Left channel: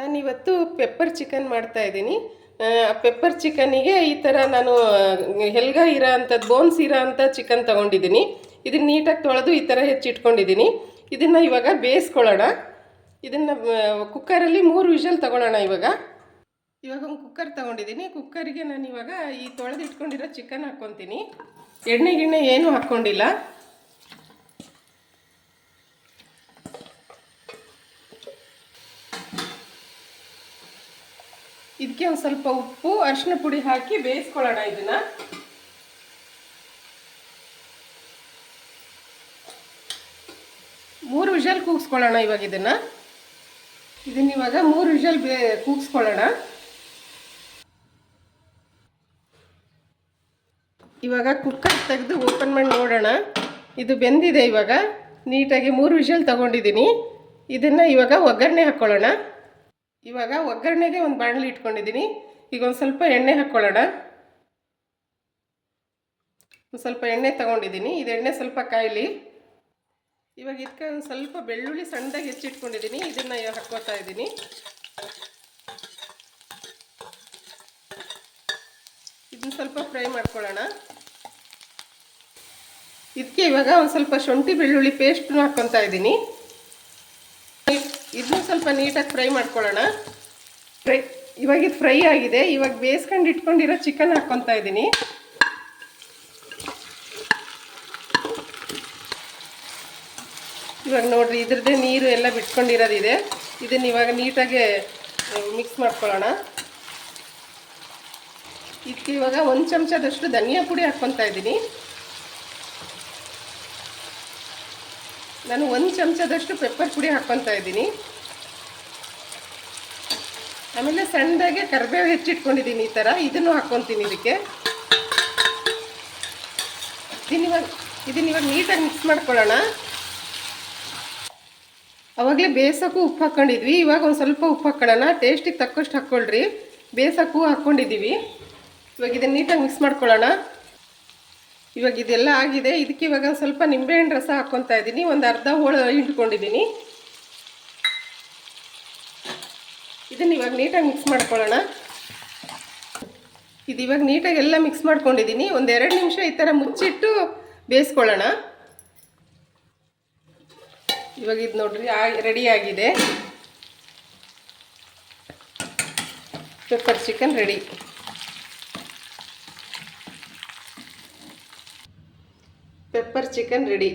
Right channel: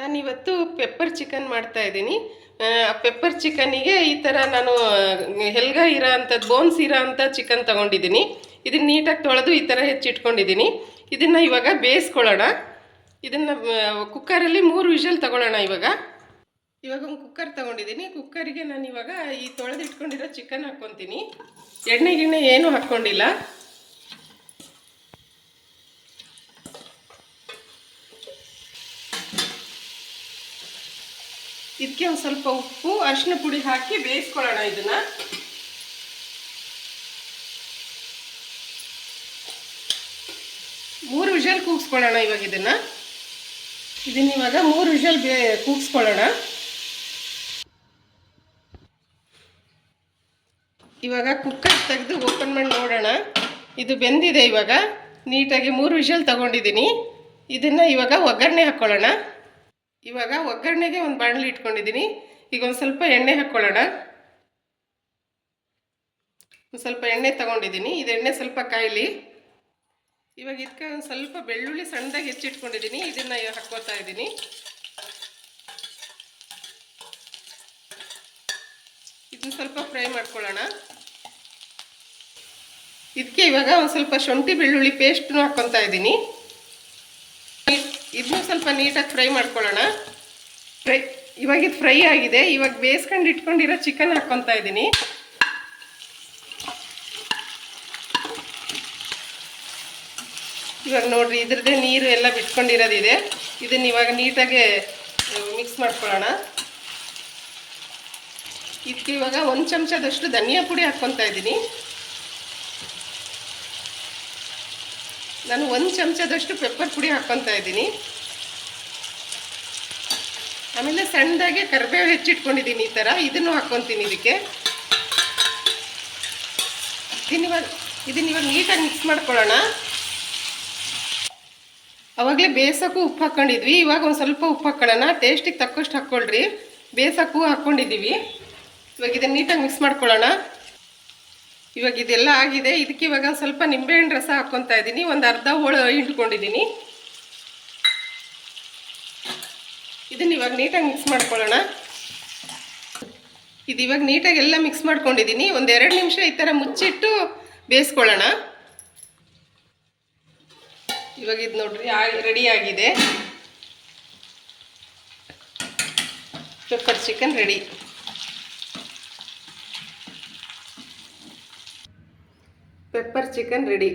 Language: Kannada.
ನಾನಿವತ್ತು ಪೆಪ್ಪರ್ ಚಿಕನ್ ಮಾಡ್ತಾ ಇದ್ದೀನಿ. ಪೆಪ್ಪರ್ ಚಿಕನಿಗೆ ಈ ಥರ ನಾನು ಹೆಲ್ಗ ಇರೋ ಅಂಥದ್ದು ಬೋನ್ಸ್ ಇರೋ ಅಂಥ ಚಿಕನ್ ತೊಗೊಂಡಿದ್ದೀನಿ. ಇದನ್ನು ನೀಟಾಗಿ ತೊಳೆದು ಈ ಥರ ಹೆಚ್ಚಿಟ್ಕೊಂಡಿದ್ದೀನಿ. ಇದನ್ನು ಇವಾಗ ಬೇಯಿಸ್ಕೊಳ್ಳೋಣ. ಇದನ್ನು ಕುಕ್ಕರಲ್ಲಿ ಮೂರು ವಿಷಲ್ ತಗೊಳ್ಳೋಣ ಇವಾಗ. ಇವಾಗ ಒಂದು ಕುಕ್ಕರ್ ತೊಗೊಂಡಿದ್ದೀನಿ. ಕುಕ್ಕರಿಗೆ ನಾನು ಇವಾಗ ಈ ತೊಳೆದು ಇಟ್ಕೊಂಡಿರೋ ಚಿಕನ್ ಹಾಕ್ಕೊತೀನಿ ಎಣ್ಣೆ, ಗಿಣ್ಣೆ ಏನೂ ಹಾಕ್ಕೊಂಡಿಲ್ಲ. ಇದಕ್ಕೆ ಒಂದು ಸ್ವಲ್ಪ ಉಪ್ಪು ಅರಿಶಿನ ಪುಡಿ ಹಾಕಿ ಬೇಯಿಸ್ಕೊಳ್ಳೋಣ ಇದನ್ನ. ಮೂರು ವಿಷಲ್ ಕೂಗಿಸ್ಕೊಳ್ಳೋಣ ಇವಾಗ ಇದನ್ನ. ಇದನ್ನ ಇವಾಗ ಮೂರು ವಿಷಲ್ ಬೇ ಕೂಗಿಸ್ಕೊಳ್ಳೋಣ. ಇವಾಗ ಕುಕ್ಕರ್ ತೆಗೆದು ಓಪನ್ ಮಾಡಿ ನೋಡೋಣ. ಇದು ಬೆಂದಿದೆ ಇವಾಗ. ನೀಟಾಗಿ ಮೂರು ವಿಷಲ್ ತಗೊಂಡಿದ್ದೀನಿ. ಇದನ್ನು ಇವಾಗ ಒಗ್ಗರಣೆ ಹಾಕ್ಕೊಳ್ಳೋಣ. ಇವಾಗ ಒಗ್ಗರಣೆಗೆ ಒಂದು ಬಾಣಲಿ ಇಟ್ಕೊಂಡಿದ್ದೀನಿ. ಈಗ ಒಂದು ಸ್ವಲ್ಪ ಎಣ್ಣೆ ಹಾಕ್ಕೊಳ್ಳೋಣ ಒಂದು ಸ್ವಲ್ಪ ಎಣ್ಣೆ ತಗೊಂಡಿದ್ದೀನಿ. ಇದು ಎಣ್ಣೆ ಸ್ವಲ್ಪ ಕಾಯಲಿ. ಇವಾಗ ಇದಕ್ಕೆ ಒಂದು ಸ್ವಲ್ಪ ಬೆಳ್ಳುಳ್ಳಿ ಸಣ್ಣದಾಗಿ ಹೆಚ್ಚಿಟ್ಕೊಂಡಿದ್ದೀನಿ. ಇದನ್ನು ಈಗ ಹಾಕ್ಕೋತಾ ಇದ್ದೀನಿ. ಇದನ್ನು ಸ್ವಲ್ಪ ಫ್ರೈ ಮಾಡ್ಕೊಳ್ಳೋಣ. ಇದಕ್ಕೆ ಇವಾಗ ಒಂದು ಸ್ವಲ್ಪ ಶುಂಠಿ ಬೆಳ್ಳುಳ್ಳಿ ಪೇಸ್ಟ್ನೂ ಹಾಕ್ಕೊತಾ ಇದ್ದೀನಿ. ಇದನ್ನು ಸ್ವಲ್ಪ ನೀಟಾಗಿ ಫ್ರೈ ಮಾಡ್ಕೊಳ್ಳೋಣ. ಫ್ರೈ ಇವಾಗ ಇದು ಫ್ರೈ ಆಗಿದೆ. ಇವಾಗ ಬೇಯಿಸ್ಕೊಂಡು ಇಟ್ಕೊಂಡಿರೋ ಚಿಕನ್ ಹಾಕ್ಕೊತಾ ಇದ್ದೀನಿ. ಇವಾಗ ನೋಡ್ರಿ, ಇದ್ರದ್ದೇ ನೀರು ಎಲ್ಲ ಬಿಟ್ಕೊಂಡಿರೋದಿದೆ. ಇದನ್ನ ಇವಾಗ ನೀಟಾಗಿ ಮಿಕ್ಸ್ ಮಾಡ್ಕೊಳ್ಳೋಣ. ಇದಕ್ಕೆ ಇವಾಗ ಒಂದು ಚಮಚದಷ್ಟು ಧನಿಯಾ ಪುಡಿ ಹಾಕ್ಕೊತಾ ಇದ್ದೀನಿ. ನಾನು ಒಂದು ಚಮಚದಷ್ಟು ಪೆಪ್ಪರ್ ಪುಡಿ ಹಾಕ್ಕೊತಾ ಇದ್ದೀನಿ. ಆಮೇಲೆ ಸಣ್ಣದಾಗೆ ಕರಿಬೇವು ಹೆಚ್ಚಿಟ್ಕೊಂಡಿದ್ದೀನಿ ಈ ಥರ. ಇದನ್ನು ಹಾಕ್ಕೊತೀನಿ ಇದಕ್ಕೆ. ಇದನ್ನ ಇವಾಗ ನೀಟಾಗಿ ಮಿಕ್ಸ್ ಮಾಡ್ಕೊಳ್ಳೋಣ. ಅವಾಗಲೇ ಬೇಸಕ್ಕೂ ಉಪ್ಪು ಹಾಕ್ಕೊಂಡಿದ್ವಿ. ಇವಾಗ ಒಂದು ಸ್ವಲ್ಪ ಉಪ್ಪು ಹಾಕ್ಕೊಳ್ಳೋಣ ಟೇಸ್ಟಿಗೆ ತಕ್ಕಷ್ಟು ಹಾಕ್ಕೊಳ್ರಿ. ಬೇಸಕ್ಕೂ ಹಾಕ್ಕೊಂಡಿದ್ದೀವಿ. ಇವಾಗ ಇದನ್ನು ನೀಟಾಗಿ ಮಿಕ್ಸ್ ಮಾಡ್ಕೊಳ್ಳೋಣ. ಇವಾಗ ಇದೆಲ್ಲ ಆಗಿದೆ. ಇದಕ್ಕೆ ಇವಾಗ ಸ್ವಲ್ಪ ನಿಂಬೆಹಣ್ಣು ರಸ ಹಾಕ್ಕೊತಾ ಇದ್ದೀನಿ. ಒಂದು ಅರ್ಧ ಹೋಳು ಹಿಂಡ್ಕೊಂಡಿದ್ದೀನಿ. ಇದನ್ನು ಇವಾಗ ನೀಟಾಗಿ ಮಿಕ್ಸ್ ಮಾಡ್ಕೊಳ್ಳೋಣ. ಇದು ಇವಾಗ ನೀಟಾಗಿ ಎಲ್ಲ ಮಿಕ್ಸ್ ಮಾಡ್ಕೊಂಡಿದ್ದೀನಿ. ಒಂದು ಎರಡು ನಿಮಿಷ ಈ ಥರ ಮುಚ್ಚಿಟ್ಟು ಬೇಯಿಸ್ಕೊಳ್ಳೋಣ. ಇವಾಗ ಇದು ನೋಡ್ರಿ ರೆಡಿ ಆಗಿದೆ. Pepper chicken ready pepper chicken ready